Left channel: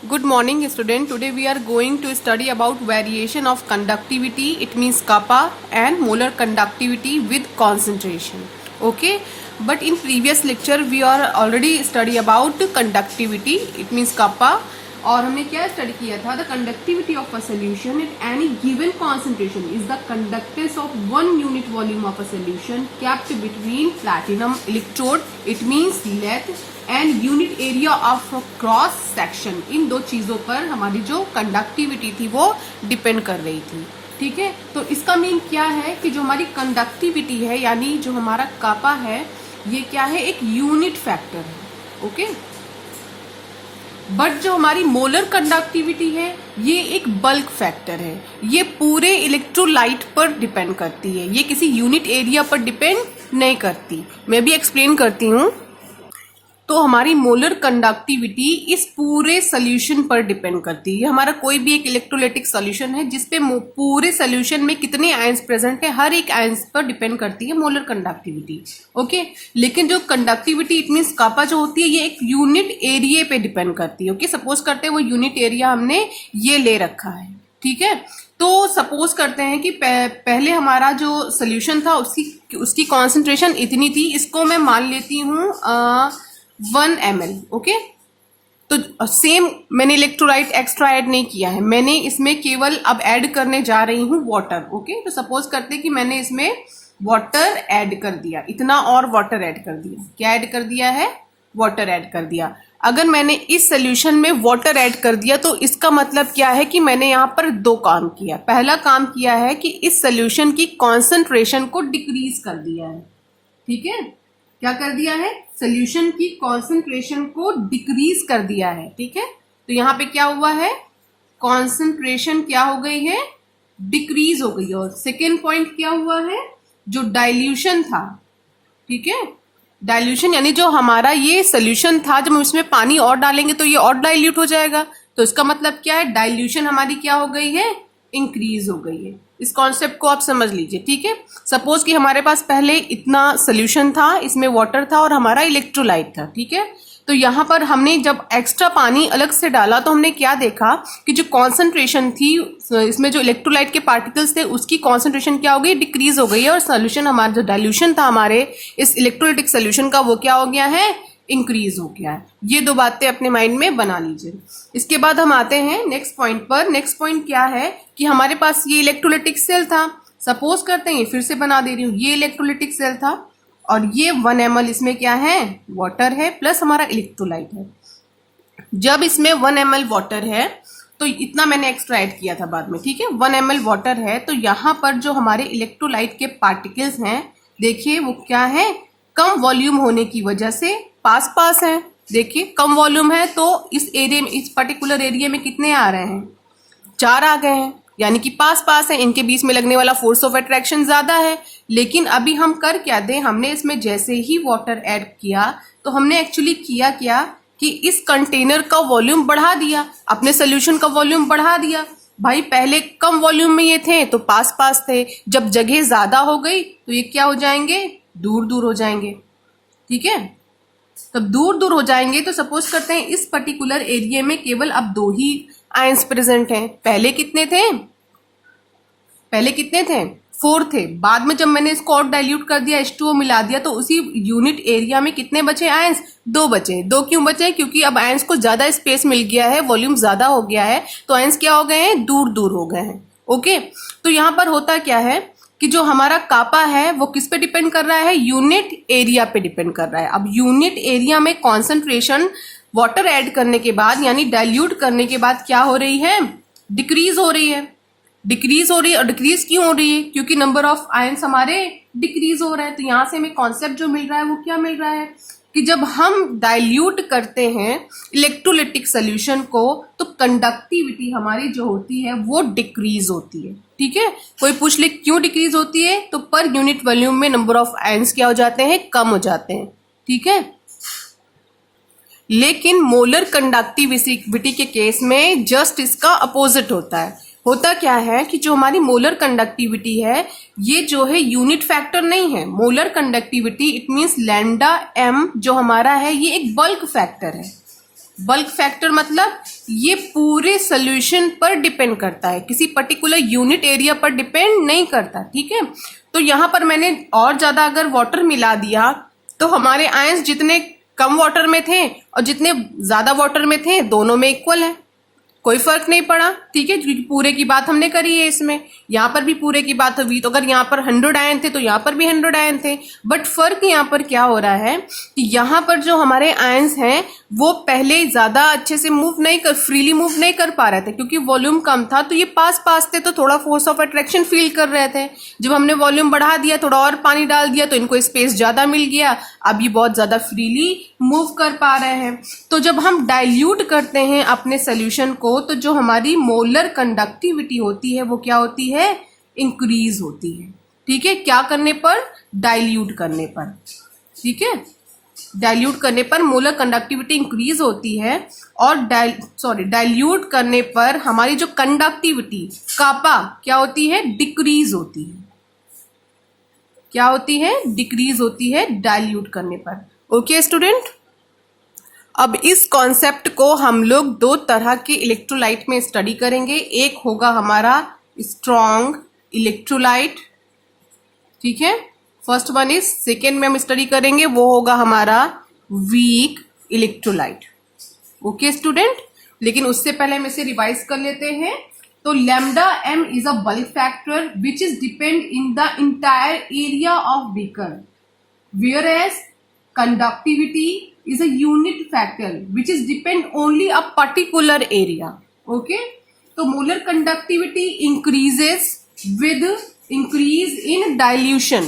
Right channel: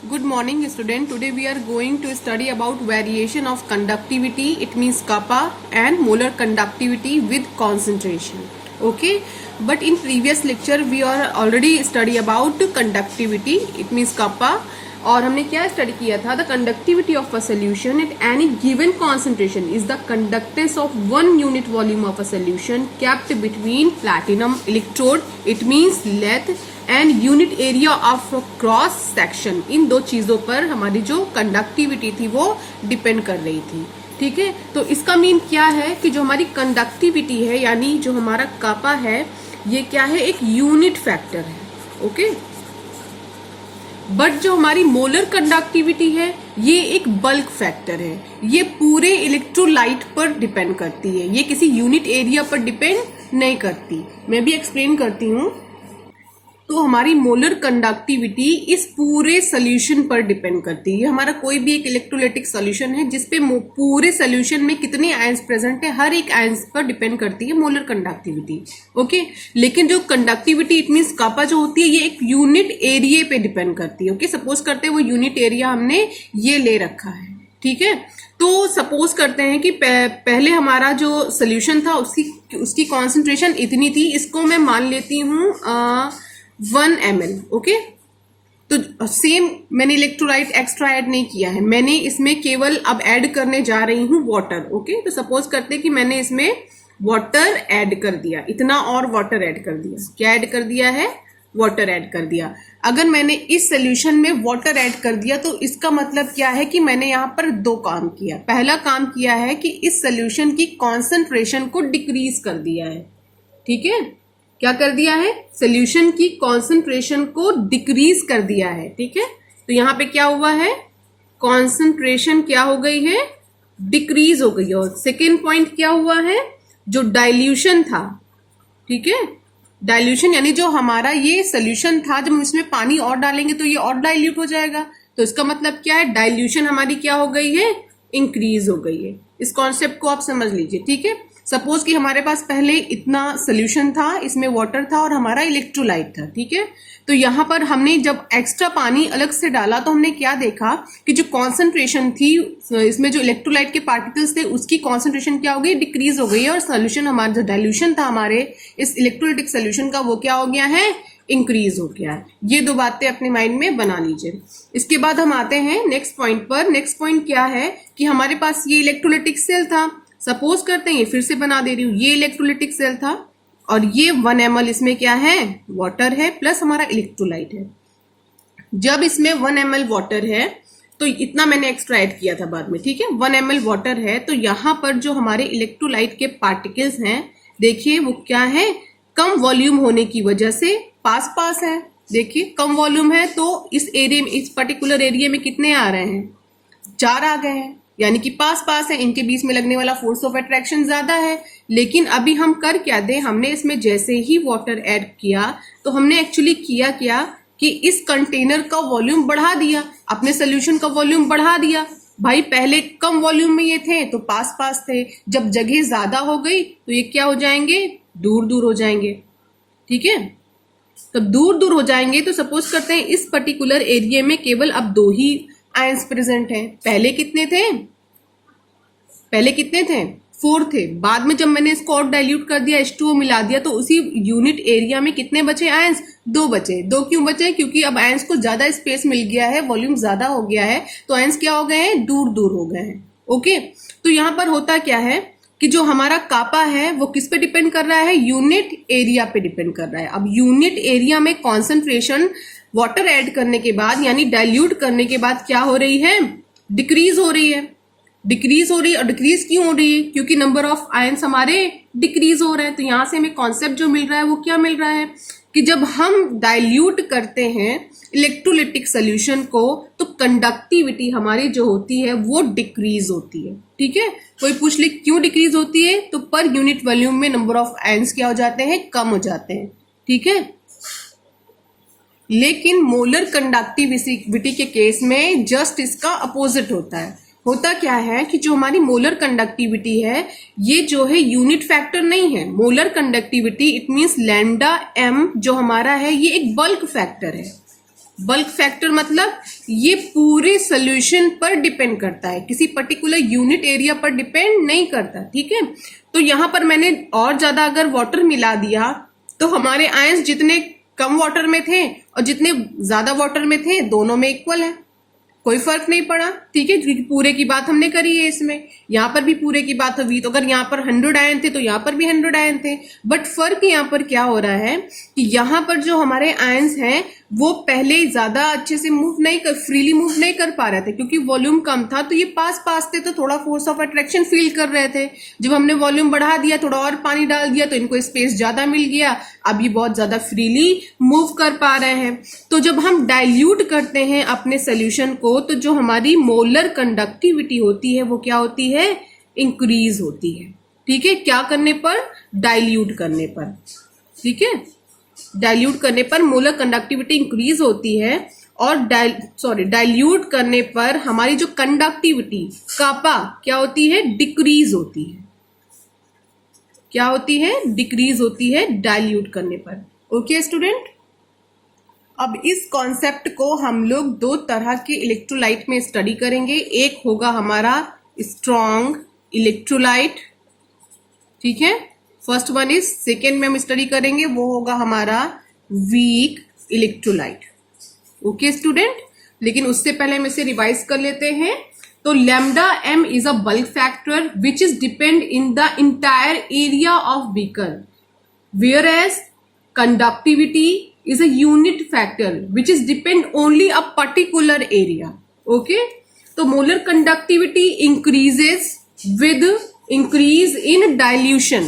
Good morning student. Today we are going to study about variation of conductivity. It means kappa and molar conductivity with concentration. Okay. But in previous lecture we are already study about conductivity. It means kappa. और हमने क्या study किया था? The conductivity of a solution at any given concentration is the conductance of 1 unit volume of a solution kept between platinum electrode. It means length and unit area of cross section. इन दो चीजों पर हमारी जो conductivity थी वो depend कर रही थी. ठीक है, तो इसका मीन क्या है कि जो हमारी कंडक्टिविटी है यानी जो हमारा कापा है ये क्या है? एक यूनिट फैक्टर है. ओके, बट जो हमारी मोलर कंडक्टिविटी है ये एक बल्क फैक्टर है. ये पूरे इलेक्ट्रोलाइट पर डिपेंड करती है, ये किसी यूनिट एरिया पर डिपेंड नहीं करती. मैं भी एक्सप्लेन करती हूँ. तो हमारी मोलर कंडक्टिविटी इस पूरे सोल्यूशन पर डिपेंड करती है. हमारा कोई भी एक इलेक्ट्रोलाइटिक सोल्यूशन है जिसपे पूरे सोल्यूशन में कितने आयंस प्रेजेंट है, हर एक आयंस पर डिपेंड करती है मोलर कंडक्टिविटी. ओके, लेकिन जो कंडक्टिविटी इट मींस कापा जो होती है ये एक यूनिट एरिया पे डिपेंड करती है. ओके, सपोज करते हैं वो यूनिट एरिया हमने ये ले रखा है. ठीक है, तो सपोज करते हैं कि पहले हमारा जो सोल्यूशन था उसकी कॉन्सेंट्रेशन इतनी थी. इसको मैं मान लेती हूँ 1 ml. ओके, तो सेम मैंने इलेक्ट्रोलाइट एक्स्ट्रा ऐड नहीं किया है, मैंने इसमें केवल अब ऐड करने जा रही हूँ वाटर. ओके, तो सपोज करते हैं कि मैंने इसमें वाटर ऐड कर दिया, इतना और वाटर ऐड कर दिया. क्या ऐड कर दिया है? वाटर ऐड कर दिया. अगर मैंने इस सोल्यूशन में वाटर ऐड कर दिया तो इसका मतलब क्या है कि मैंने यहाँ पर दो काम किया. पहला काम किया है कि इस सोल्यूशन की कॉन्सेंट्रेशन को डिक्रीज कर दिया है. ठीक है, क्या कर दिया है? सोल्यूशन की कॉन्सेंट्रेशन को डिक्रीज कर दिया है. ठीक है, तो यहाँ पे क्या हुआ है? कॉन्सेंट्रेशन क्या हो गई है? डिक्रीज हो गई है. और सेकेंड पॉइंट क्या हुआ है? जो डाइल्यूशन था, ठीक है, डाइल्यूशन यानी जो हमारा ये सोल्यूशन था जब हम इसमें पानी और डालेंगे तो ये और डाइल्यूट हो जाएगा. तो इसका मतलब क्या है? डाइल्यूशन हमारी क्या हो गई है? इंक्रीज हो गई है. इस कॉन्सेप्ट को आप समझ लीजिए. ठीक है, सपोज कि हमारे पास पहले इतना सोल्यूशन था, इसमें वाटर था और हमारा इलेक्ट्रोलाइट था. ठीक है, तो यहाँ पर हमने जब एक्स्ट्रा पानी अलग से डाला तो हमने क्या देखा कि जो कॉन्सेंट्रेशन थी इसमें जो इलेक्ट्रोलाइट के पार्टिकल्स थे उसकी कॉन्सेंट्रेशन क्या हो गई? डिक्रीज हो गई है. और सोल्यूशन हमारा जो डाइल्यूशन था हमारे इस इलेक्ट्रोलाइटिक सोल्यूशन का वो क्या हो गया है? इंक्रीज हो गया है. ये दो बातें अपने माइंड में बना लीजिए. इसके बाद हम आते हैं नेक्स्ट पॉइंट पर. नेक्स्ट पॉइंट क्या है कि हमारे पास ये इलेक्ट्रोलाइटिक सेल था. सपोज करते हैं, फिर से बना दे रही हूँ, ये इलेक्ट्रोलाइटिक सेल था और ये 1 ml इसमें क्या है? वाटर है प्लस हमारा इलेक्ट्रोलाइट है. जब इसमें 1 ml वाटर है तो इतना मैंने एक्स्ट्रा ऐड किया था बाद में. ठीक है, 1 ml वाटर है तो यहाँ पर जो हमारे इलेक्ट्रोलाइट के पार्टिकल्स हैं देखिए वो क्या है? कम वॉल्यूम होने की वजह से पास पास है. देखिए कम वॉल्यूम है तो इस एरिया में, इस पर्टिकुलर एरिया में कितने आ रहे हैं? 4 आ गए हैं, यानी कि पास पास है. इनके बीच में लगने वाला फोर्स ऑफ अट्रैक्शन ज्यादा है. लेकिन अभी हम कर क्या दें? हमने इसमें जैसे ही वाटर ऐड किया तो हमने एक्चुअली किया क्या कि इस कंटेनर का वॉल्यूम बढ़ा दिया, अपने सोल्यूशन का वॉल्यूम बढ़ा दिया. भाई पहले कम वॉल्यूम में ये थे तो पास पास थे, जब जगह ज्यादा हो गई तो ये क्या हो जाएंगे? दूर दूर हो जाएंगे. ठीक है, तब दूर दूर हो जाएंगे तो सपोज करते हैं इस पर्टिकुलर एरिया में केवल अब 2 ही आयंस प्रेजेंट हैं. पहले कितने थे? 4 थे. बाद में जब मैंने इसको और डाइल्यूट कर दिया, H2O मिला दिया, तो उसी यूनिट एरिया में कितने बचे आयंस? 2 बचे. 2 क्यों बचे? क्योंकि अब आयंस को ज्यादा स्पेस मिल गया है, वॉल्यूम ज्यादा हो गया है, तो आयंस क्या हो गए हैं? दूर दूर हो गए हैं. ओके, तो यहां पर होता क्या है कि जो हमारा कापा है वो किस पे डिपेंड कर रहा है? यूनिट एरिया पे डिपेंड कर रहा है. अब यूनिट एरिया में कॉन्सेंट्रेशन वाटर ऐड करने के बाद यानी डाइल्यूट करने के बाद क्या हो रही है? डिक्रीज हो रही है. डिक्रीज हो रही है. और डिक्रीज क्यों हो रही है? क्योंकि नंबर ऑफ आयंस हमारे डिक्रीज हो रहे हैं. तो यहां से हमें कॉन्सेप्ट जो मिल रहा है वो क्या मिल रहा है कि जब हम डाइल्यूट करते हैं इलेक्ट्रोलाइटिक सोल्यूशन को तो कंडक्टिविटी हमारी जो होती है वो डिक्रीज होती है. ठीक है, कोई पूछ ले क्यों डिक्रीज होती है? तो पर यूनिट वॉल्यूम में नंबर ऑफ आयंस क्या हो जाते हैं? कम हो जाते हैं. ठीक है, लेकिन मोलर कंडक्टिविटी के केस में जस्ट इसका अपोजिट होता है. होता क्या है कि जो हमारी मोलर कंडक्टिविटी है ये जो है यूनिट फैक्टर नहीं है. Molar conductivity it means lambda m जो हमारा है ये एक बल्क फैक्टर है. बल्क फैक्टर मतलब ये पूरे सोल्यूशन पर डिपेंड करता है, किसी पर्टिकुलर यूनिट एरिया पर डिपेंड नहीं करता, ठीक है। तो यहां पर मैंने और ज्यादा अगर वाटर मिला दिया तो हमारे आयंस जितने कम वाटर में थे और जितने ज्यादा वाटर में थे दोनों में इक्वल है, कोई फर्क नहीं पड़ा, ठीक है, क्योंकि पूरे की बात हमने करी है इसमें। यहाँ पर भी पूरे की बात हुई, तो अगर यहाँ पर 100 आयन थे तो यहाँ पर भी 100 आयन थे। बट फर्क यहाँ पर क्या हो रहा है कि यहाँ पर जो हमारे आयंस हैं वो पहले ज्यादा अच्छे से फ्रीली मूव नहीं कर पा रहे थे, क्योंकि वॉल्यूम कम था, तो ये पास पास थे तो थोड़ा फोर्स ऑफ अट्रैक्शन फील कर रहे थे। जब हमने वॉल्यूम बढ़ा दिया, थोड़ा और पानी डाल दिया, तो इनको स्पेस ज्यादा मिल गया, अब ये बहुत ज्यादा फ्रीली मूव कर पा रहे हैं। तो जब हम डाइल्यूट करते हैं अपने सोल्यूशन को, तो जो हमारी मोलर कंडक्टिविटी होती है वो क्या होती है, इंक्रीज होती है, ठीक है। क्या करने पर, डाइल्यूट करने पर, ठीक है, डाइल्यूट करने पर मोलर कंडक्टिविटी इंक्रीज होती है। और डाइल्यूट करने पर हमारी जो कंडक्टिविटी कापा क्या होती है, डिक्रीज होती है। क्या होती है, डिक्रीज होती है डाइल्यूट करने पर। ओके स्टूडेंट, अब इस कॉन्सेप्ट को हम लोग दो तरह के इलेक्ट्रोलाइट में स्टडी करेंगे। एक होगा हमारा स्ट्रॉन्ग इलेक्ट्रोलाइट, ठीक है, फर्स्ट वन इज, सेकेंड में हम स्टडी करेंगे वो होगा हमारा वीक इलेक्ट्रोलाइट। ओके स्टूडेंट, लेकिन उससे पहले हम इसे रिवाइज कर लेते हैं। तो lambda m is a bulk factor which is depend in the entire area of beaker, where as conductivity is a unit factor which is depend only a particular area. Okay, तो molar conductivity increases with increase in dilution,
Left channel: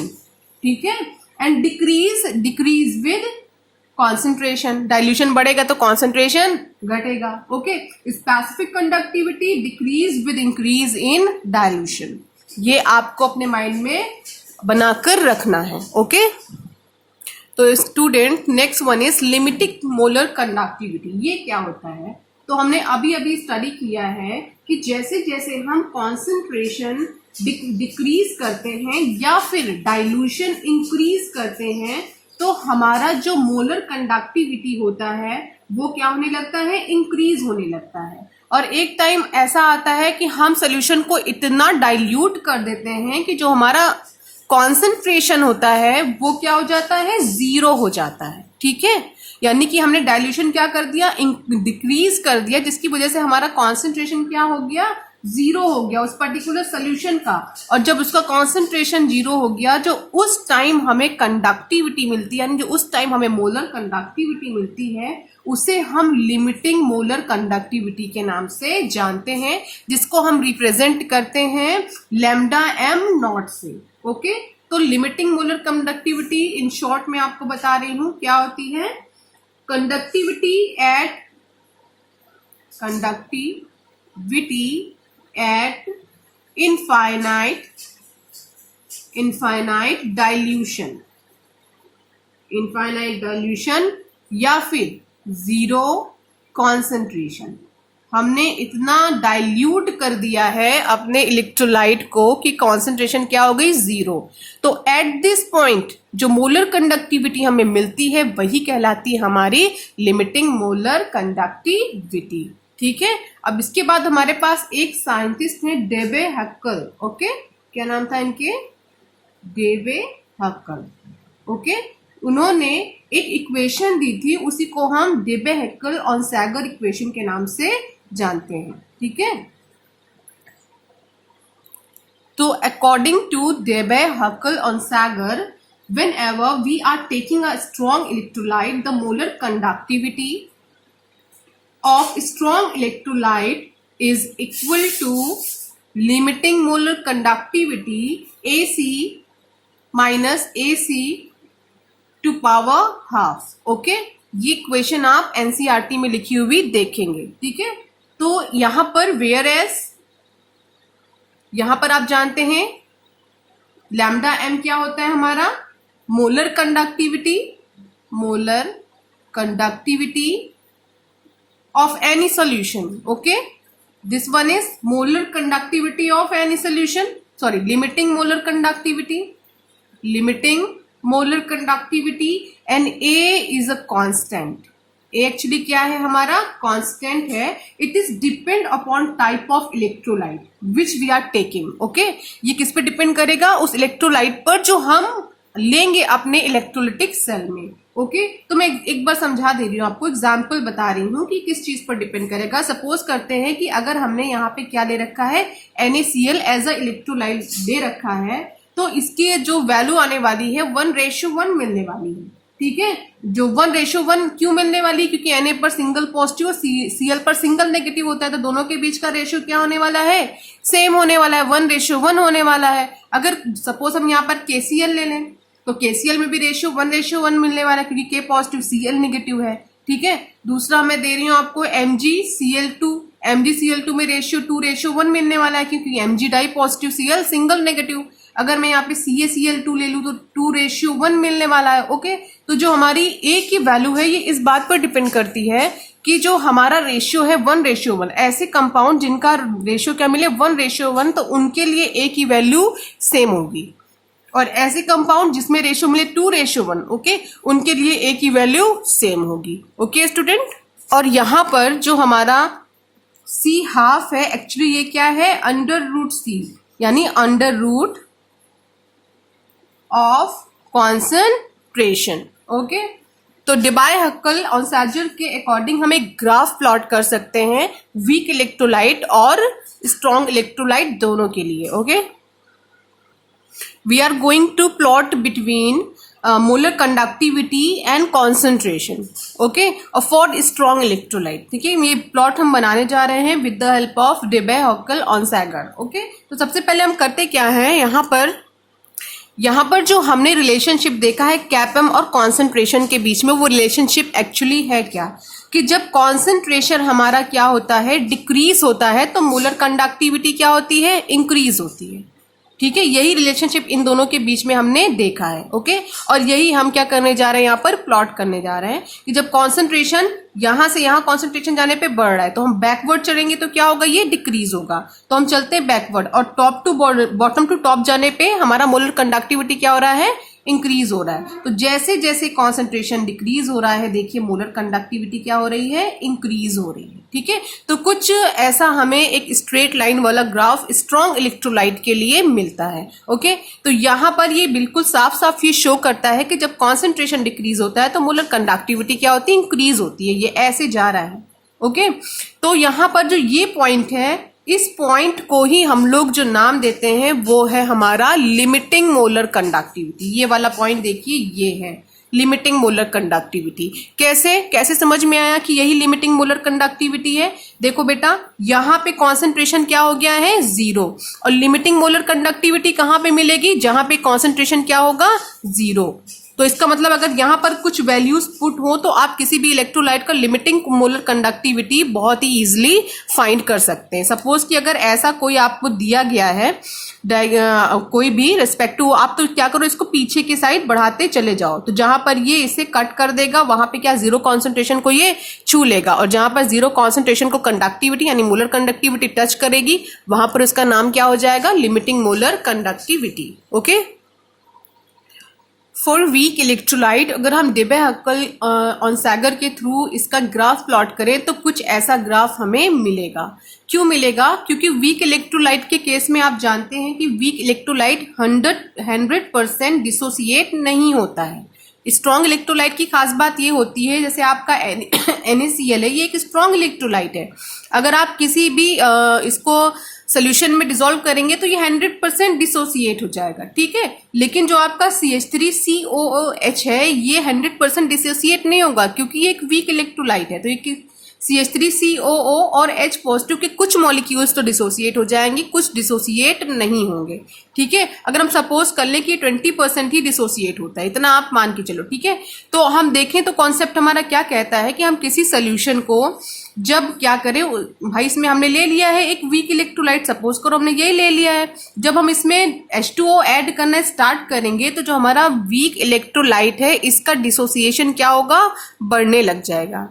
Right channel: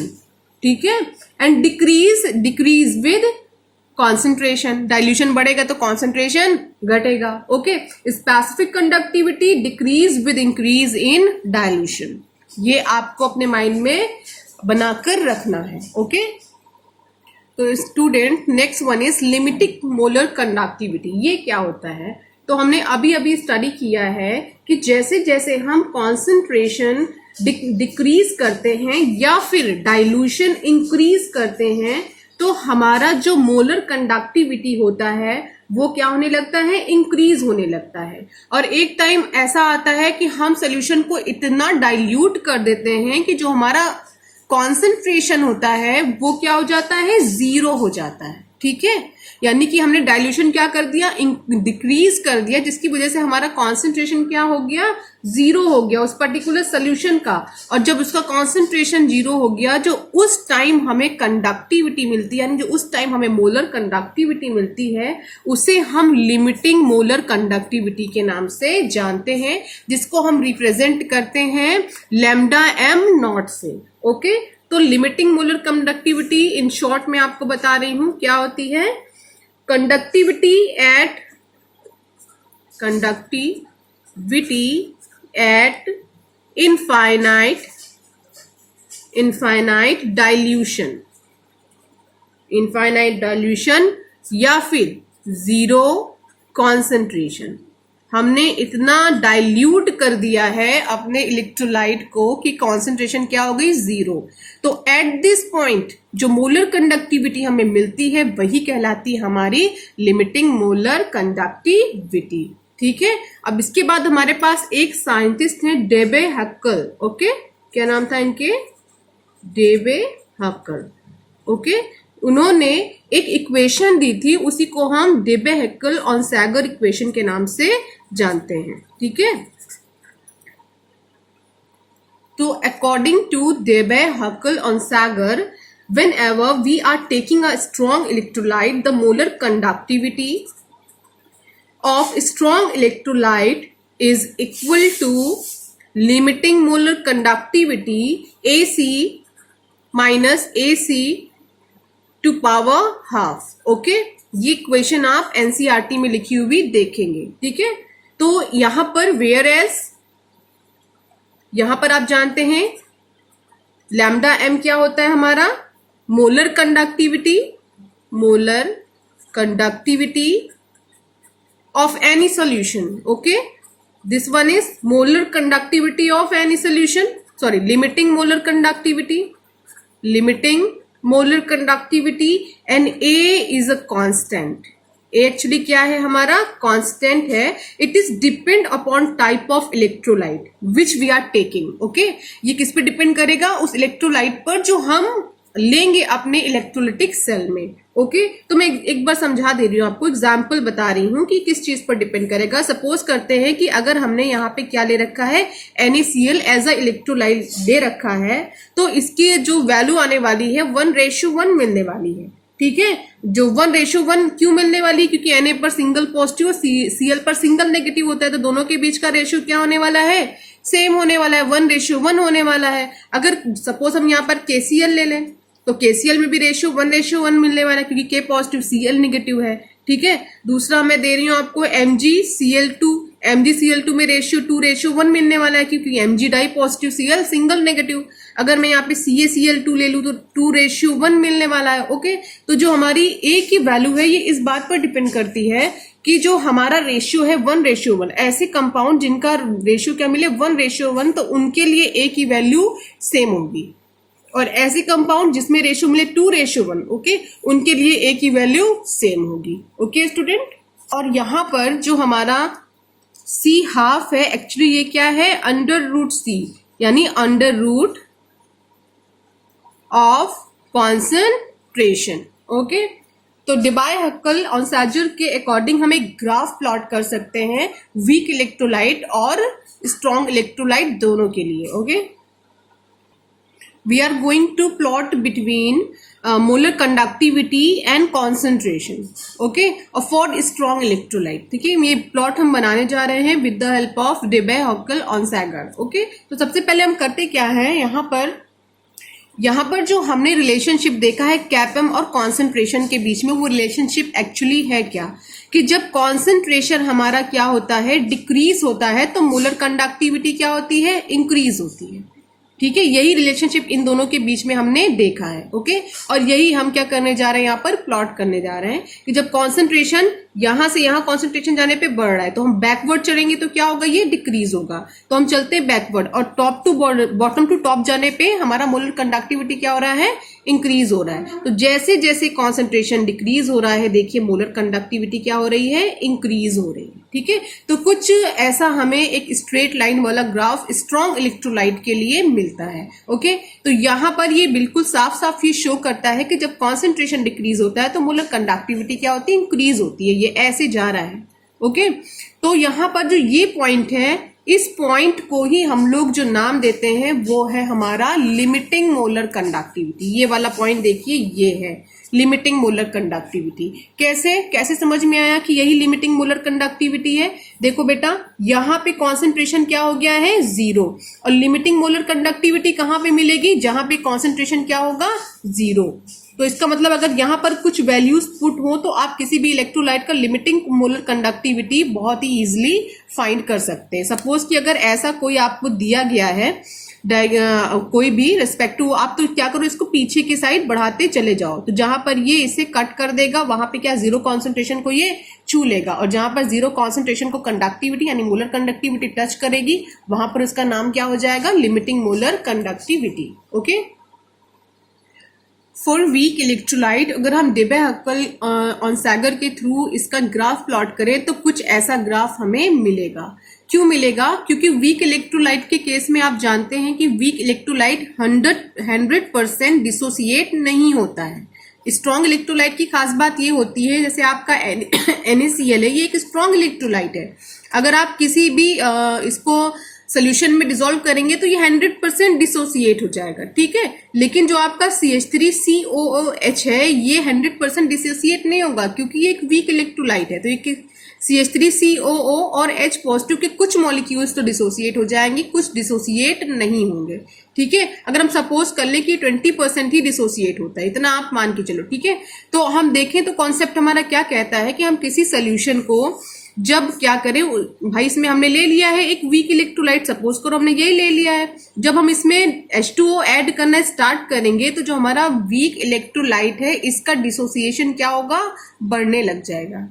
ठीक है, and decrease with concentration. dilution बढ़ेगा तो concentration घटेगा। Okay, specific conductivity decrease with increase in dilution. ये आपको अपने mind में बनाकर रखना है। ओके, तो student next one is limiting molar conductivity. ये क्या होता है, तो हमने अभी अभी स्टडी किया है कि जैसे जैसे हम कॉन्सेंट्रेशन डिक्रीज करते हैं या फिर डाइल्यूशन इंक्रीज करते हैं, तो हमारा जो मोलर कंडक्टिविटी होता है वो क्या होने लगता है, इंक्रीज होने लगता है। और एक टाइम ऐसा आता है कि हम सोल्यूशन को इतना डाइल्यूट कर देते हैं कि जो हमारा कॉन्सेंट्रेशन होता है वो क्या हो जाता है, जीरो हो जाता है, ठीक है। यानी कि हमने डाइल्यूशन क्या कर दिया, डिक्रीज कर दिया, जिसकी वजह से हमारा कॉन्सेंट्रेशन क्या हो गया, जीरो हो गया उस पर्टिकुलर सोल्यूशन का। और जब उसका कॉन्सेंट्रेशन जीरो हो गया, जो उस टाइम हमें कंडक्टिविटी मिलती है, यानी जो उस टाइम हमें मोलर कंडक्टिविटी मिलती है, उसे हम लिमिटिंग मोलर कंडक्टिविटी के नाम से जानते हैं, जिसको हम रिप्रेजेंट करते हैं लैम्डा एम नॉट से। ओके, तो limiting molar conductivity in short में आपको बता रही हूं क्या होती है, कंडक्टिविटी एट इनफाइनाइट डाइल्यूशन या फिर जीरो कॉन्सेंट्रेशन। हमने इतना डाइल्यूट कर दिया है अपने इलेक्ट्रोलाइट को कि कॉन्सेंट्रेशन क्या हो गई, जीरो। तो एट दिस पॉइंट जो मोलर कंडक्टिविटी हमें मिलती है वही कहलाती है हमारी लिमिटिंग मोलर कंडक्टिविटी, ठीक है। अब इसके बाद हमारे पास एक साइंटिस्ट है डेबे हक्कल। ओके, क्या नाम था इनके, डेबे हक्कल। ओके, उन्होंने एक इक्वेशन दी थी, उसी को हम डेबे हक्कल ऑन सैगर इक्वेशन के नाम से जानते हैं, ठीक है। तो according to Debye Huckel Onsager, whenever we are taking a strong electrolyte, the molar conductivity of strong electrolyte is equal to limiting molar conductivity AC minus AC to power half। Okay, ये equation आप NCERT में लिखी हुई देखेंगे, ठीक है। तो यहां पर वेयर एज, यहां पर आप जानते हैं लैम्डा एम क्या होता है हमारा, molar conductivity of any solution. Okay, this one is molar conductivity of any solution, sorry, limiting molar conductivity and A is a constant। A actually क्या है, हमारा कांस्टेंट है. It is depend upon type of electrolyte which we are taking. Okay, ये किस पे depend करेगा, उस electrolyte पर जो हम लेंगे अपने इलेक्ट्रोलिटिक सेल में. ओके, तो मैं एक बार समझा दे रही हूँ आपको, एग्जाम्पल बता रही हूँ कि किस चीज पर डिपेंड करेगा. सपोज करते हैं कि अगर हमने यहाँ पे क्या ले रखा है, NaCl एज अ इलेक्ट्रोलाइट दे रखा है, तो इसकी जो वैल्यू आने वाली है 1:1 मिलने वाली है. ठीक है, जो 1:1 क्यों मिलने वाली है, क्योंकि Na पर सिंगल पॉजिटिव और Cl पर सिंगल नेगेटिव होता है, तो दोनों के बीच का रेशियो क्या होने वाला है, सेम होने वाला है, 1:1 होने वाला है. अगर सपोज हम यहाँ पर KCl ले लें तो KCl में भी रेशियो 1:1 मिलने वाला है, क्योंकि K पॉजिटिव Cl नेगेटिव है. ठीक है, दूसरा मैं दे रही हूँ आपको MgCl2. MgCl2 में रेशियो 2:1 मिलने वाला है, क्योंकि Mg di positive, Cl single negative. अगर मैं यहाँ पे CaCl2 ले लूँ तो 2:1 मिलने वाला है. ओके, तो जो हमारी A की वैल्यू है ये इस बात पर डिपेंड करती है कि जो हमारा रेशियो है 1:1, ऐसे कंपाउंड जिनका रेशियो क्या मिले 1:1, तो उनके लिए A की वैल्यू सेम होगी. और ऐसे कंपाउंड जिसमें रेशियो मिले 2:1, ओके, उनके लिए A की वैल्यू सेम होगी. ओके स्टूडेंट, और यहां पर जो हमारा C½ है, एक्चुअली ये क्या है, √C, यानी √ ऑफ कॉन्सेंट्रेशन. ओके, तो डेबाय-हक्कल-ऑनसागर के अकॉर्डिंग हम एक ग्राफ प्लॉट कर सकते हैं वीक इलेक्ट्रोलाइट और स्ट्रॉन्ग इलेक्ट्रोलाइट दोनों के लिए. Okay, we are going to plot between molar conductivity and concentration, okay, for strong electrolyte. ठीक है, ये प्लॉट हम बनाने जा रहे हैं with the help of Debye Huckel Onsager. Okay, तो सबसे पहले हम करते क्या है, यहाँ पर जो हमने रिलेशनशिप देखा है कैपम और कॉन्सेंट्रेशन के बीच में, वो रिलेशनशिप एक्चुअली है क्या, कि जब कॉन्सेंट्रेशन हमारा क्या होता है, डिक्रीज होता है, तो मोलर कंडक्टिविटी क्या होती है, इंक्रीज होती है. ठीक है, यही रिलेशनशिप इन दोनों के बीच में हमने देखा है. ओके, और यही हम क्या करने जा रहे हैं, यहाँ पर प्लॉट करने जा रहे हैं कि जब कॉन्सेंट्रेशन यहां से यहां कॉन्सेंट्रेशन जाने पे बढ़ रहा है, तो हम बैकवर्ड चलेंगे तो क्या होगा, ये डिक्रीज होगा. तो हम चलते हैं बैकवर्ड, और top to bottom to top जाने पे हमारा मोलर कंडक्टिविटी क्या हो रहा है, इंक्रीज हो रहा है. तो जैसे जैसे कॉन्सेंट्रेशन डिक्रीज हो रहा है, देखिए मोलर कंडक्टिविटी क्या हो रही है, इंक्रीज हो रही है. ठीक है, तो कुछ ऐसा हमें एक स्ट्रेट लाइन वाला ग्राफ स्ट्रॉन्ग इलेक्ट्रोलाइट के लिए मिलता है. ओके, तो यहाँ पर ये बिल्कुल साफ साफ ये शो करता है कि जब कॉन्सेंट्रेशन डिक्रीज होता है तो मोलर कंडक्टिविटी क्या होती है, इंक्रीज होती है. ये ऐसे जा रहा है. ओके, तो यहाँ पर जो ये पॉइंट है, इस पॉइंट को ही हम लोग जो नाम देते हैं वो है हमारा लिमिटिंग मोलर कंडक्टिविटी. ये वाला पॉइंट देखिए, ये है लिमिटिंग मोलर कंडक्टिविटी. कैसे समझ में आया कि यही लिमिटिंग मोलर कंडक्टिविटी है. देखो बेटा, यहाँ पे कॉन्सेंट्रेशन क्या हो गया है, 0, और लिमिटिंग मोलर कंडक्टिविटी कहाँ पे मिलेगी, जहां पे कॉन्सेंट्रेशन क्या होगा, 0. तो इसका मतलब अगर यहाँ पर कुछ वैल्यूज पुट हो तो आप किसी भी इलेक्ट्रोलाइट का लिमिटिंग मोलर कंडक्टिविटी बहुत ही इजीली फाइंड कर सकते हैं. सपोज कि अगर ऐसा कोई आपको दिया गया है, कोई भी रेस्पेक्टिव, आप तो क्या करो, इसको पीछे की साइड बढ़ाते चले जाओ, तो जहां पर ये इसे कट कर देगा वहां पे क्या 0 कॉन्सेंट्रेशन को ये छू लेगा, और जहां पर 0 कॉन्सेंट्रेशन को कंडक्टिविटी यानी मोलर कंडक्टिविटी टच करेगी, वहां पर उसका नाम क्या हो जाएगा, limiting molar conductivity. Okay, for weak electrolyte अगर हम डेबाय-हक्कल-ऑनसागर के थ्रू इसका ग्राफ प्लॉट करें तो कुछ ऐसा ग्राफ हमें मिलेगा. क्यों मिलेगा, क्योंकि वीक इलेक्ट्रोलाइट के केस में आप जानते हैं कि वीक इलेक्ट्रोलाइट 100% डिसोसिएट नहीं होता है. स्ट्रॉन्ग इलेक्ट्रोलाइट की खास बात ये होती है, जैसे आपका NaCl है, ये एक स्ट्रॉन्ग इलेक्ट्रोलाइट है. अगर आप किसी भी इसको सोल्यूशन में डिसॉल्व करेंगे तो ये 100% डिसोसिएट हो जाएगा. ठीक है, लेकिन जो आपका CH3COOH है, ये 100% डिसोसिएट नहीं होगा, क्योंकि ये एक वीक इलेक्ट्रोलाइट है. तो ये CH3COO और H पॉजिटिव के कुछ मॉलिक्यूल्स तो डिसोसिएट हो जाएंगे, कुछ डिसोसिएट नहीं होंगे. ठीक है, अगर हम सपोज कर लें कि 20% ही डिसोसिएट होता है, इतना आप मान के चलो. ठीक है, तो हम देखें तो कॉन्सेप्ट हमारा क्या कहता है कि हम किसी सोल्यूशन को जब क्या करें, भाई इसमें हमने ले लिया है एक वीक इलेक्ट्रोलाइट, सपोज करो हमने ये ले लिया है, जब हम इसमें H2O ऐड करना स्टार्ट करेंगे तो जो हमारा वीक इलेक्ट्रोलाइट है इसका डिसोसिएशन क्या होगा, बढ़ने लग जाएगा.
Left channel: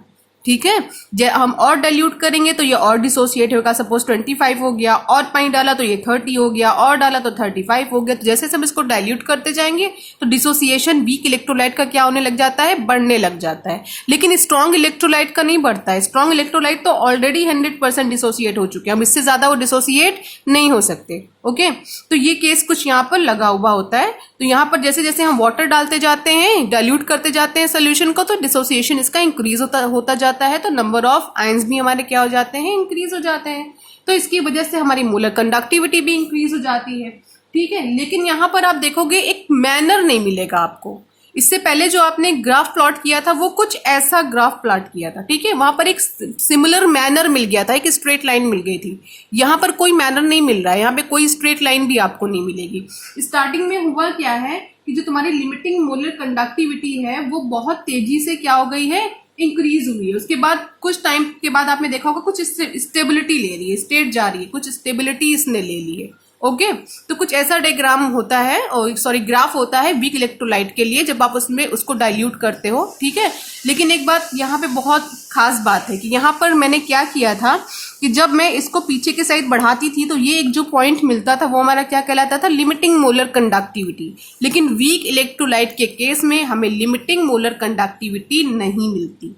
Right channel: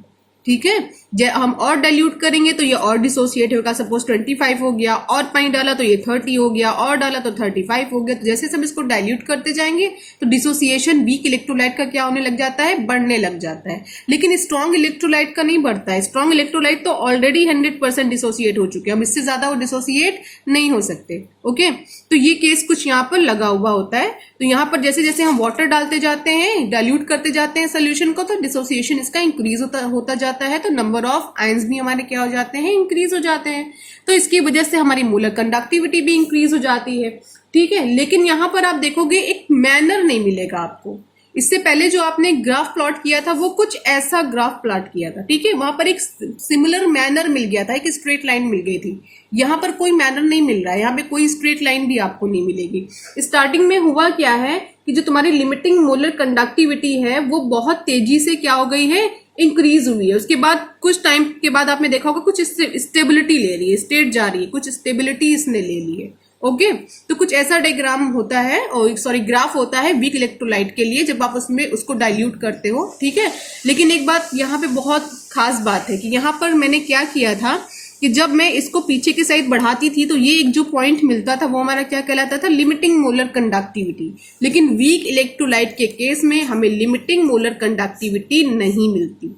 ठीक है। हम और डाइल्यूट करेंगे तो ये और डिसोसिएट होगा, सपोज 25 हो गया, और पानी डाला तो ये 30 हो गया, और डाला तो 35 हो गया। तो जैसे हम इसको डाइल्यूट करते जाएंगे तो डिसोसिएशन वीक इलेक्ट्रोलाइट का क्या होने लग जाता है, बढ़ने लग जाता है। लेकिन स्ट्रॉन्ग इलेक्ट्रोलाइट का नहीं बढ़ता है। स्ट्रॉन्ग इलेक्ट्रोलाइट तो ऑलरेडी 100% डिसोसिएट हो चुके हैं, हम इससे ज्यादा वो डिसोसिएट नहीं हो सकते। ओके, तो ये केस कुछ यहाँ पर लगा हुआ होता है। तो यहाँ पर जैसे जैसे हम वाटर डालते जाते हैं, डाइल्यूट करते जाते हैं सोल्यूशन को, तो डिसोसिएशन इसका इंक्रीज होता जाता है। तो नंबर ऑफ आयंस भी हमारे क्या हो जाते हैं, इंक्रीज हो जाते हैं। तो इसकी वजह से हमारी मोलर कंडक्टिविटी भी इंक्रीज हो जाती है। ठीक है, लेकिन यहाँ पर आप देखोगे एक मैनर नहीं मिलेगा आपको। इससे पहले जो आपने ग्राफ प्लॉट किया था वो कुछ ऐसा ग्राफ प्लॉट किया था, ठीक है, वहां पर एक सिमिलर मैनर मिल गया था, एक स्ट्रेट लाइन मिल गई थी। यहाँ पर कोई मैनर नहीं मिल रहा है, यहाँ पे कोई स्ट्रेट लाइन भी आपको नहीं मिलेगी। स्टार्टिंग में हुआ क्या है कि जो तुम्हारी लिमिटिंग मोलर कंडक्टिविटी है वो बहुत तेजी से क्या हो गई है, इंक्रीज हुई है। उसके बाद कुछ टाइम के बाद आपने देखा होगा कुछ स्टेबिलिटी ले रही है, स्टेट जा रही है, कुछ स्टेबिलिटी इसने ले ली है। ओके, तो कुछ ऐसा डायग्राम होता है, और सॉरी ग्राफ होता है वीक इलेक्ट्रोलाइट के लिए जब आप उसमें उसको डाइल्यूट करते हो। ठीक है, लेकिन एक बात यहाँ पे बहुत खास बात है कि यहाँ पर मैंने क्या किया था कि जब मैं इसको पीछे के साइड बढ़ाती थी तो ये एक जो पॉइंट मिलता था वो हमारा क्या कहलाता था, लिमिटिंग मोलर कंडक्टिविटी। लेकिन वीक इलेक्ट्रोलाइट के केस में हमें लिमिटिंग मोलर कंडक्टिविटी नहीं मिलती।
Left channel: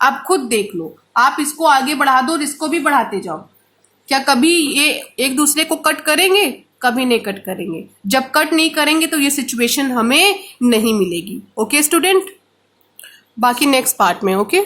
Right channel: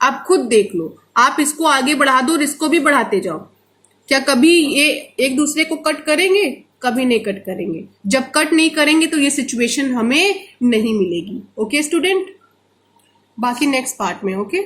आप खुद देख लो, आप इसको आगे बढ़ा दो और इसको भी बढ़ाते जाओ, क्या कभी ये एक दूसरे को कट करेंगे? कभी नहीं कट करेंगे। जब कट नहीं करेंगे तो ये सिचुएशन हमें नहीं मिलेगी। ओके स्टूडेंट, बाकी नेक्स्ट पार्ट में। ओके।